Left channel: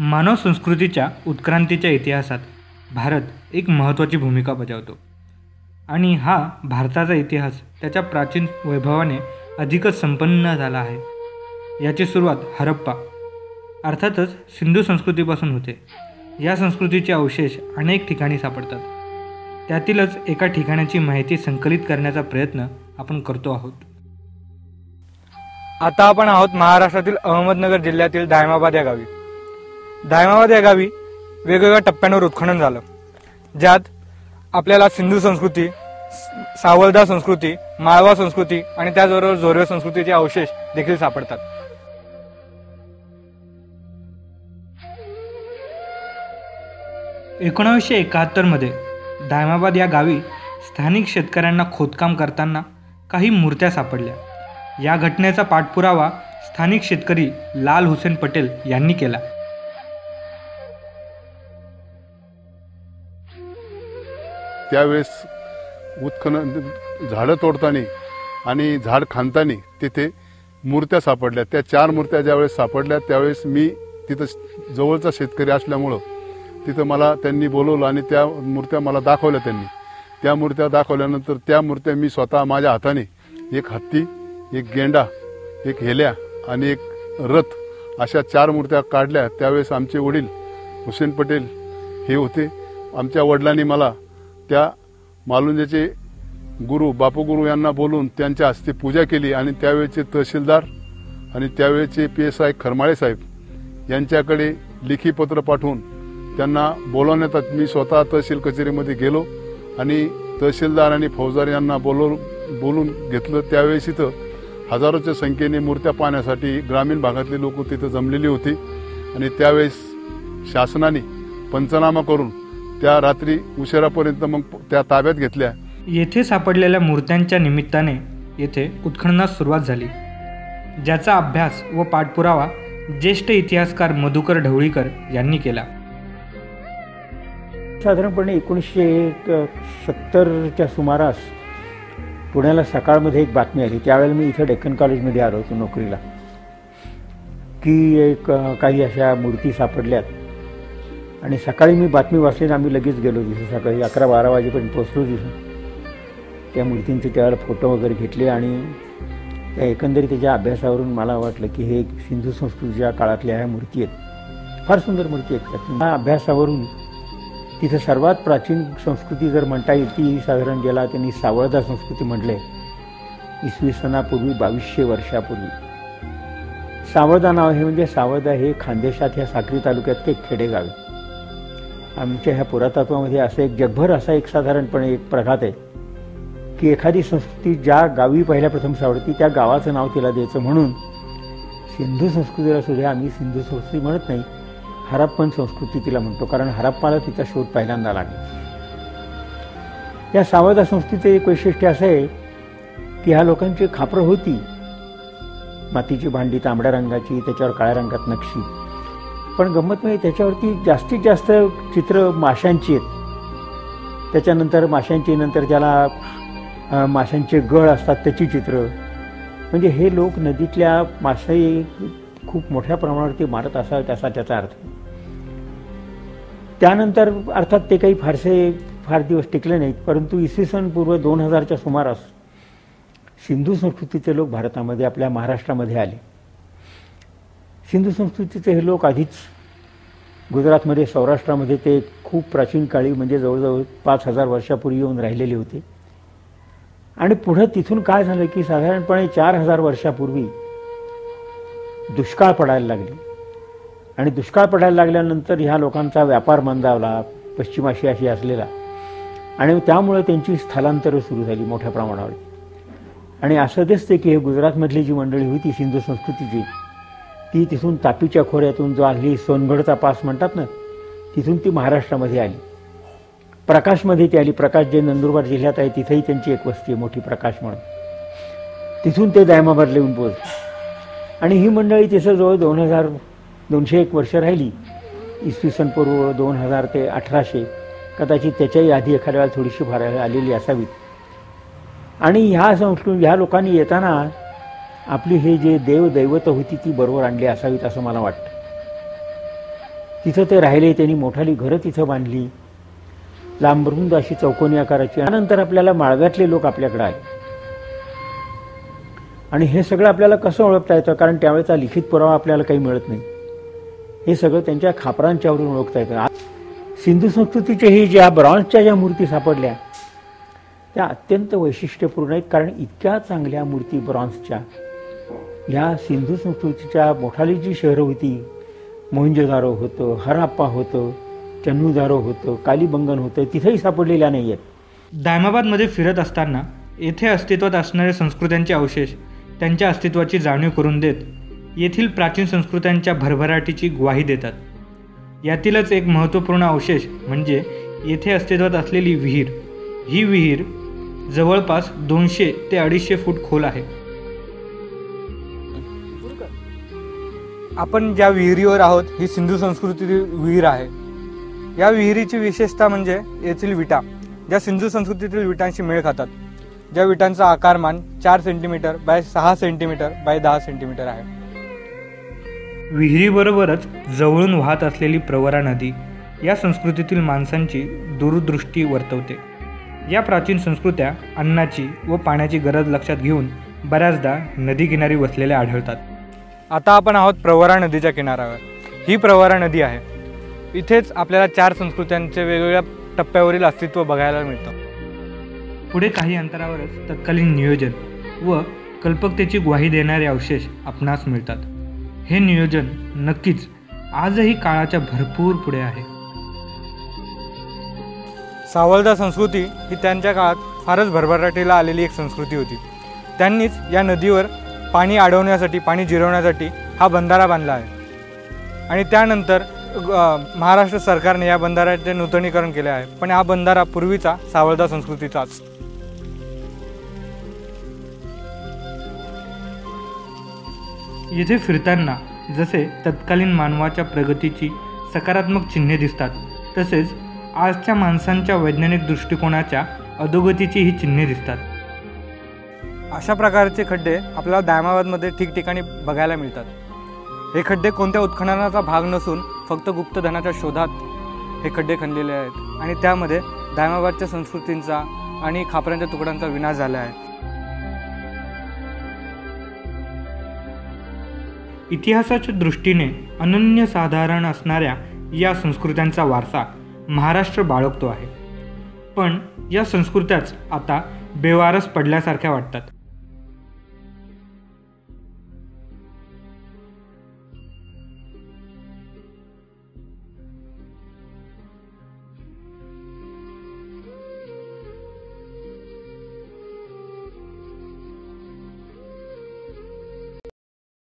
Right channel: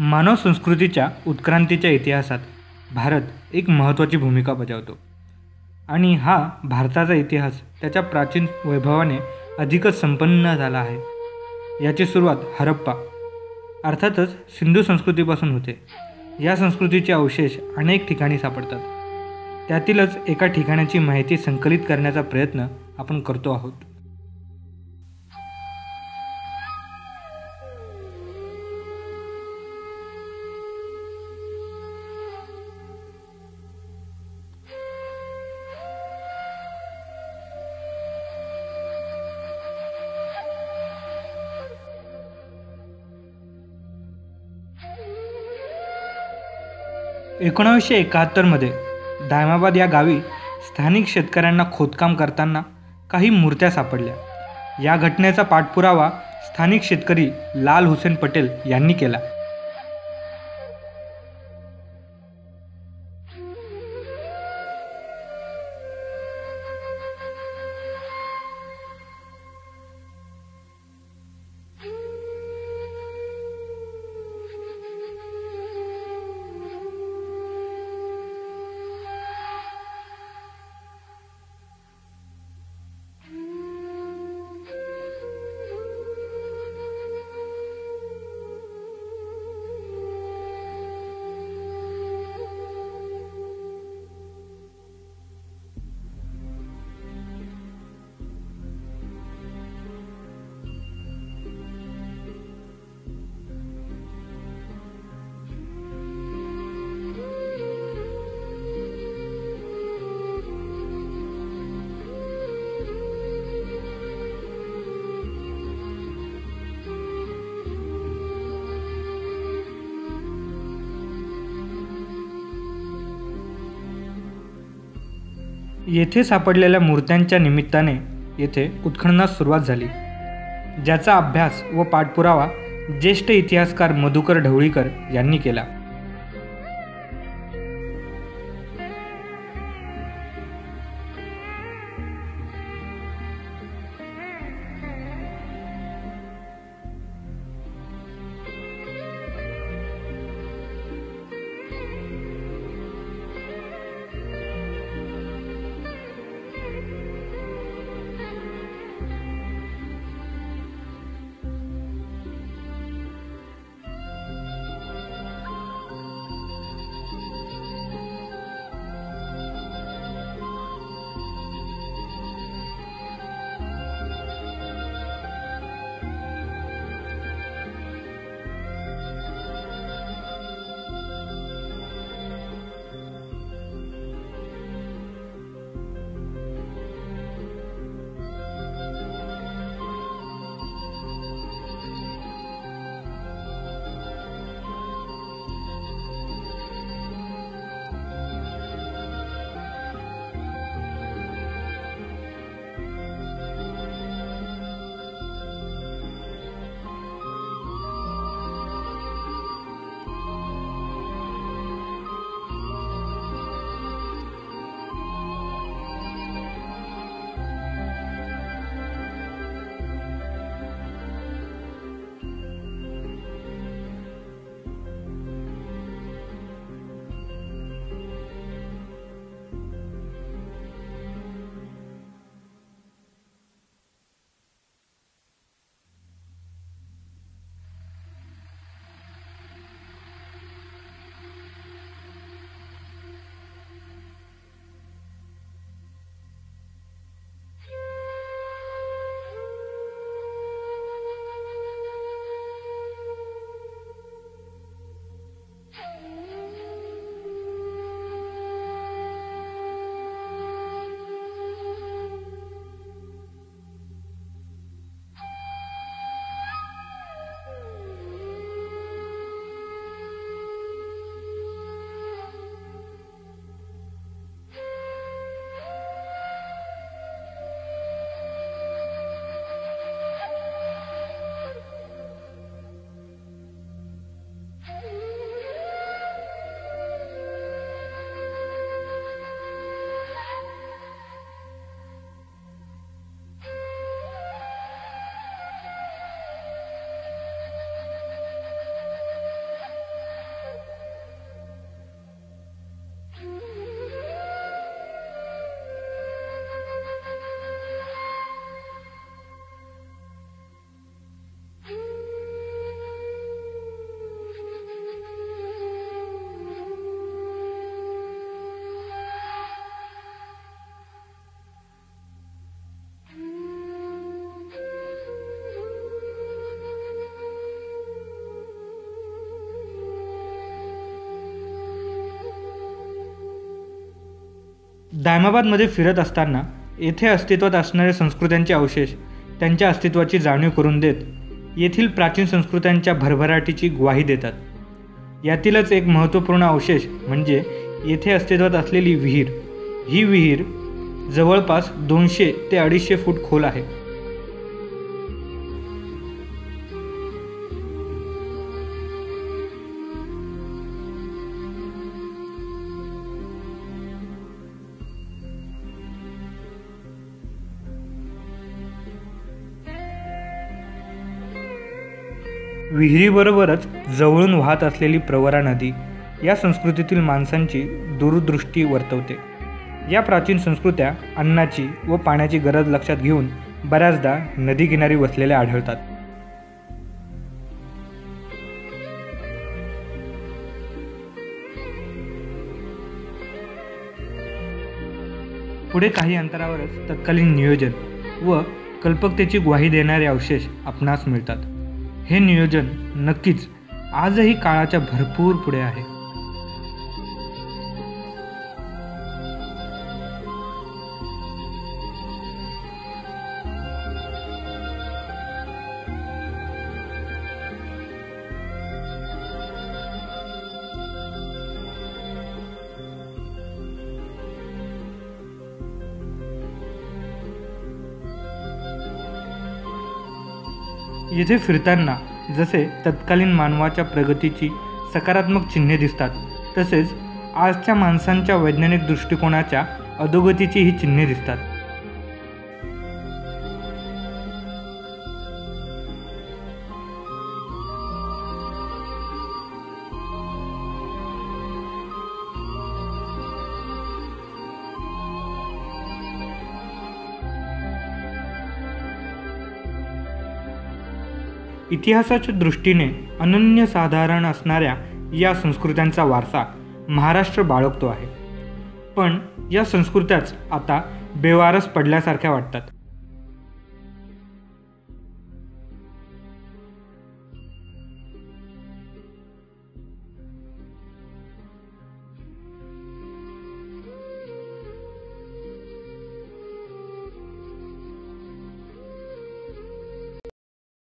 मानव संस्कृतीच्या उत्क्रांतीच्या इतिहासात भारत एक महत्त्वाची भूमिका बजावतो आणि हा भारताचा इतिहास त्याच्या प्राचीन वैभवाने अधिकच संपन्न झाला आहे। याची सुरुवात हरप्पा अर्थातच सिंधू संस्कृतीपासून होते। या संस्कृतीचे अवशेष अनेक ठिकाणी सापडतात। त्यातीलच एका ठिकाणाची माहिती संकलित करण्याचा प्रयत्न आपण करतो आहोत। आता आपण आहोत महाराष्ट्रातील अहमदनगर जिल्ह्यातील दायमाबाद या गावी। दायमाबाद या गावी वेगवेगळ्या टप्प्यांवर उत्खनन झालं, ज्यात आपल्याला सिंधू संस्कृती, सावळदा संस्कृती, माळवा संस्कृती आणि त्याचबरोबर जोरवे संस्कृतीचे अवशेष देखील सापडतात। 1971 मध्ये दायमाबाद या गावी स्थानिक शेतकऱ्यांना खोदकाम करताना काही मूर्त्या सापडल्या। या घटनेचा पाठपुरावा स्थानिक शेतकरी लाल हुसेन पटेल यांनी केला। त्यावेळेस उत्खनन झाडं तोडताना आणि झाड खांदताना तिथे मूर्त्या सापडल्या। त्या 4 मूर्त्या ज्यावेळेस सापडल्या त्यावेळेस मी तिथं जवळचा शेतकरी असल्यामुळं तिथं मला त्यांनी बोलवलं आणि त्या मूर्त्या मला दाखवल्या। त्यांनी त्या मूर्त्या दाखवल्यानंतर त्या मूर्त्या मी स्वतः माझ्या हाताने एक हत्ती, एक गेंडा, एक हेल्या आणि एक रथ अशा 4 मूर्त्या काढल्या। त्यावेळेस आमचे वडील हुसेन पटेल हे होते। आमच्या वडिलांनी मला त्या मालुंजेचे गुरु बापू गुरु यांना बोलून त्यांच्या हस्ते पूजा केली आणि त्यावेळेचे तहसीलदार आणि त्यावेळेचे PSI खरमाळे साहेब यांच्याकडे लेखी पत्र पाठवून त्यांना बोलवण्यात मी स्वतः तहसील कचेरीमध्ये गेलो आणि तहसीलदार आणि फौजदार यांना बोलून घेतलं। त्यावेळेस इथं हजारोच्या संख्येने मूर्त्या पाहण्यासाठी ग्रामीण भागातले लोक तिथं जमलेली होती आणि त्यावेळेस शासनाने पंचनामा करून त्या रात्री उशिरापर्यंत मग त्या ताब्यात घेतल्या। येथे सापडलेल्या मूर्त्यांच्या निमित्ताने येथे उत्खननास सुरुवात झाली, ज्याचा अभ्यास व पाठपुरावा ज्येष्ठ इतिहासकार मधुकर ढवळीकर यांनी केला। साधारणपणे 1970च्या सुमारास पुण्याला सकाळमध्ये एक बातमी आली। त्यावेळेला मी इथं डेक्कन कॉलेजमध्ये आलो होतो नोकरीला, की काही अशा मूर्ती सापडल्यात आणि सकाळी मी बातमी वाचली, आम्ही लगेच गेलो तिथे। सकाळी 11-12 वाजेपर्यंत पोचलो तिथे। त्या मूर्तींचे त्यावेळेला फोटो वगैरे घेतले आणि त्या एकंदरीत त्याच्या अभ्यासावरून मला वाटलं की हे सिंधू संस्कृतीच्या काळातल्या ह्या मूर्ती आहेत, फार सुंदर मूर्ती आहेत। त्या अभ्यासावरून तिथं सर्वात प्राचीन संस्कृती जर म्हणता येईल ती साधारण ज्याला त्यांनी सावळदा संस्कृती म्हटले, इसवी सनापूर्वी 2200 वर्षापूर्वी। सावळदा नाव हे म्हणजे सावळदा हे खानदेशात ह्या साक्री तालुक्यात एक खेडेगाव आहे। आमच्या ह्या पुरातत्वामध्ये असं एक जगभर असा एक साधारणपणे एक प्रघात आहे की एखादी संस्कृती ज्या गावी पहिल्या प्रथम सावळती त्या गावाचं नाव तिला द्यायचं, म्हणून सिंधू संस्कृतीला सुद्धा आम्ही सिंधू संस्कृती म्हणत नाही, हरप्पन संस्कृती तिला म्हणतो, कारण हरप्पाला तिचा शोध पहिल्यांदा लागला। या सावळदा संस्कृतीचं एक वैशिष्ट्य असं आहे की ह्या लोकांची खापरं होती, मातीची भांडी तांबड्या रंगाची, त्याच्यावर काळ्या रंगात नक्षी, पण गंमत म्हणजे त्याच्यावरती जास्तीत जास्त चित्र माशांची आहेत। त्याच्यानंतर माशांची, नंतर त्याला माशांचे गळ असतात त्याची चित्र, म्हणजे हे लोक नदीतल्या मासे खूप मोठ्या प्रमाणावरती मारत असावेत असा त्याचा अर्थ। त्यानंतर अर्थात ते काही फार दिवस टिकले नाहीत, परंतु इसवी सन पूर्व 2000च्या सुमारास सिंधू संस्कृतीचे लोक भारतामध्ये आपल्या महाराष्ट्रामध्ये आले। सिंधू संस्कृतीचे हे लोक आधीच गुजरातमध्ये, सौराष्ट्रामध्ये ते खूप प्राचीन काळी म्हणजे जवळजवळ 5000 वर्षापूर्वी येऊन राहिलेले होते। आणि पुढं तिथून काय झालं की साधारणपणे 4000 वर्षापूर्वी दुष्काळ पडायला लागले आणि दुष्काळ पडायला लागल्यानंतर ह्या लोकांचा व्यापार मंदावला पश्चिम आशियाशी असलेला, आणि त्यामुळे त्यांची स्थलांतरं सुरू झाली मोठ्या प्रमाणावर। आणि असं दिसते की हे गुजरातमधली जी मंडळी होती सिंधू संस्कृतीची, ती तिथून तापीच्या खोऱ्यातून जो हल्ली सोनगडचा पास म्हणतात ना, तिथून ती महाराष्ट्रामध्ये आली। प्रकाशमध्ये ती आली। प्रकाश जे नंदुरबार जिल्ह्यात आहे तिथेही त्यांची एक वस्ती आहे मोठी, प्रकाश म्हणून। तिथून ते दायमाबादला येऊन पोहोचले आणि ही मंडळी तिथं जवळ 201 वर्ष राहिली। इसवी सन पूर्व 2000 ते 1800, कदाचित त्याच्याही आधी एखाद्या वेळेला थोडीशी फार आलेली असावी। आणि ह्या लोकांनी येताना आपली हे जे दैवत होती ती बरोबर आणली असावीत असं मला वाटतं। तिथं ते राहिले. त्यांनी मोठाली घरं तिथं बांधली, लांबरुंद अशी चौकोनी आकाराची. त्यानंतर आपल्याला माळव्यातले लोक आपल्याकडे आले आणि हे सगळं आपल्याला कसं ओळखता येतं, कारण त्यावेळेचा लिखित पुरावा आपल्याला काही मिळत नाही. हे सगळं त्यांच्या खापरांच्यावरून ओळखता येतं. सिंधू संस्कृतीचे ही ज्या ब्रॉन्झच्या ज्या मूर्ती सापडल्या त्या अत्यंत वैशिष्ट्यपूर्ण आहेत, कारण इतक्या चांगल्या मूर्ती ब्रॉन्झच्या ह्या सिंधू संस्कृतीच्या मोठाली जी शहरं होती, मोहंजोदारो होतं, हराप्पा होतं, चन्नूदारो होतं, कालीबंगन होतं, तिथेही सापडलेल्या नाही आहेत. दायमाबादमध्ये फिरत असताना येथे अस्तित्वात असणाऱ्या संस्कृत्यांचे अवशेष त्यांच्या अस्तित्वाची जाणीव करून देत येथील प्राचीन संस्कृत्यांच्या भरभराटीची ग्वाही देतात. यातीलच एक महत्त्वपूर्ण अवशेष म्हणजे येथे अस्तित्वात असलेली विहीर. ही विहीर जवळपास 200 ते 250 फूट खोल आहे. आपण ज्या विहिरीवर आहोत ही सिंधू संस्कृतीतील विहीर आहे. या विहिरीची विशेषता म्हणजे येथील विटा ज्या सिंधू संस्कृतीतील विटांशी मेळ खातात, ज्या विटांचा आकारमान 4 centimetre bye 6 centimetre bye 10 centimetre आहे. विहिरीबरोबरच जवळून वाहत असलेली प्रवरा नदी या संस्कृतीतील माणसांची दूरदृष्टी वर्तवते. या प्राचीन संस्कृत्या अन्नाची व पाण्याची गरज लक्षात घेऊन बऱ्याचदा नदीकिनारी वसलेल्या आढळतात. आता आपण आहोत प्रवरा नदीच्या किनाऱ्यावर. ही प्रवरा नदी आहे. इथेच आपल्याला 4 संस्कृत्यांचे वेगवेगळ्या टप्प्यावरील अस्तित्व बघायला मिळतं. पुढे काही अंतरावरच तत्कालीन नियोजन व कल्पकतेची ग्वाही देणारे अवशेष आपणास मिळतात. हे नियोजन नक्कीच आजही काळाच्या भरपूर पुढे आहे. सावळदा संस्कृती ही त्यांच्या काळात फारच भरभराटीला आलेली एक संस्कृती होती. त्यांनीच या नदीवर पाणी अडवण्यासाठी, पाणी जिरवण्यासाठी हा बंधारा बांधला आहे आणि त्यानंतर महाराष्ट्र सरकारने या बंधाऱ्याचे नूतनीकरण केले आहे. पण हा बंधारा पूर्वीचा सावळदा संस्कृतीचाच. येथे फिरताना जसे तत्कालीन मानवाच्या प्रगतीची सकारात्मक चिन्हे दिसतात, तसेच आजच्या माणसांच्या वैज्ञानिक दृष्टिकोनाच्या अधोगतीची ही चिन्हे दिसतात. अशा प्रकारचे खड्डे आपल्याला दायमाबादमध्ये ठिकठिकाणी बघायला मिळतात. हे खड्डे कोणत्या उत्खननाचा भाग नसून फक्त गुप्तधनाच्या शोधात हे खड्डे खणलेले आहेत आणि त्यामध्ये दायमाबादच्या संस्कृतींचा आणि खापरांच्या तुकड्यांचा विनाश झाला आहे. इतिहासाच्या दृष्टीने अनन्यसाधारण असणाऱ्या या संस्कृत्यांचा वारसा महाराष्ट्र बाळगतो आहे. पण या संस्कृत्याच आता बेवारस पडल्यासारख्या वाटतात.